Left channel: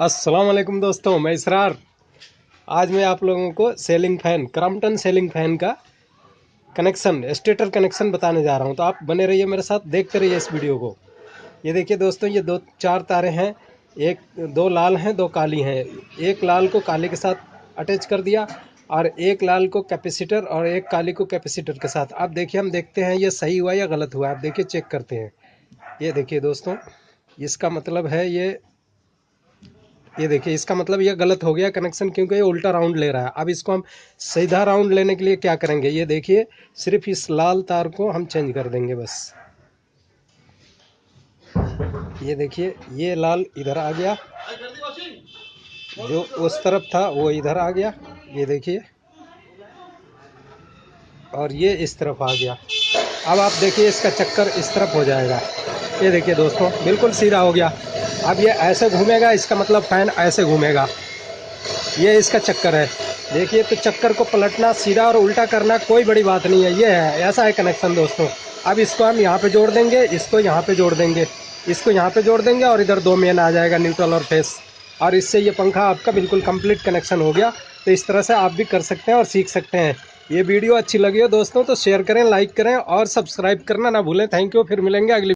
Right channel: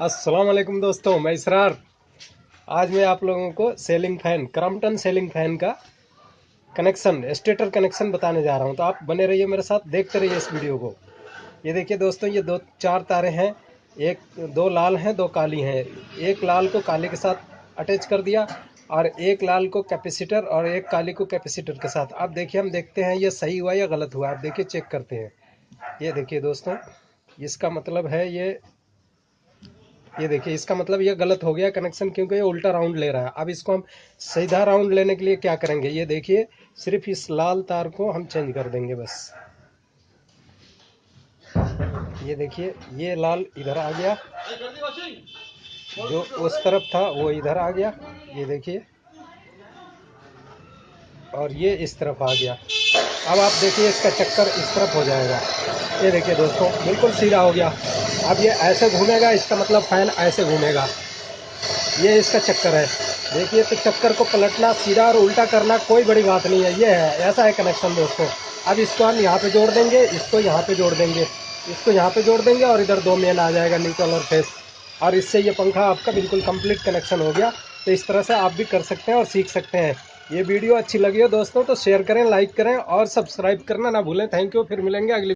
अस्सलाम वालेकुम दोस्तों, मैं इसरार। आज मैं आप लोगों को selling fan Crompton selling fan का कनेक्शन स्टेटर कनेक्शन बताने जा रहा हूं। तो आप बने रहिए मेरे साथ, देखते रहिए इस वीडियो को। ये देखिए दोस्तों, ये दो चार तारे हैं। दो लाल हैं, दो काली हैं। एक लाल को काले के साथ अटैच कर दिया और एक लाल को कैपेसिटर और एक काली को कैपेसिटर के साथ। आप देखिए, हम देखते हैं ये सही हुआ या गलत हुआ। आप देखिए, चेक करते हैं। ये देखिए दोस्तों, इसका मतलब है ये देखिए, इसका मतलब ये गलत हो गया कनेक्शन, क्योंकि ये उल्टा राउंड ले रहा है। अब इसको हम सीधा राउंड लेने के लिए क्या करेंगे, ये देखिए, सिर्फ इस लाल तार को हम चेंज कर देंगे बस। ये देखिए, ये लाल इधर आ गया, जो उस तरफ था वो इधर आ गया। ये देखिए, और ये इस तरफ आ गया। अब आप देखिए, इसका चक्कर इस तरफ हो जाएगा। ये देखिए दोस्तों, बिल्कुल सीधा हो गया। अब ये ऐसे घूमेगा, इसका मतलब फैन ऐसे घूमेगा। ये इसका चक्कर है। देखिए, तो चक्कर को पलटना, सीधा और उल्टा करना कोई बड़ी बात नहीं है। ये है, ऐसा है कनेक्शन दोस्तों। अब इसको हम यहाँ पे जोड़ देंगे, इसको यहाँ पे जोड़ देंगे, इसको यहाँ पे जोड़ देंगे, और इधर दो मेन आ जाएगा, न्यूट्रल और फेस। और इससे ये पंखा आपका बिल्कुल कंप्लीट कनेक्शन हो गया। तो इस तरह से आप भी कर सकते हैं और सीख सकते हैं। ये वीडियो अच्छी लगी हो दोस्तों तो शेयर करें, लाइक करें और सब्सक्राइब करना ना भूलें। थैंक यू, फिर मिलेंगे अगली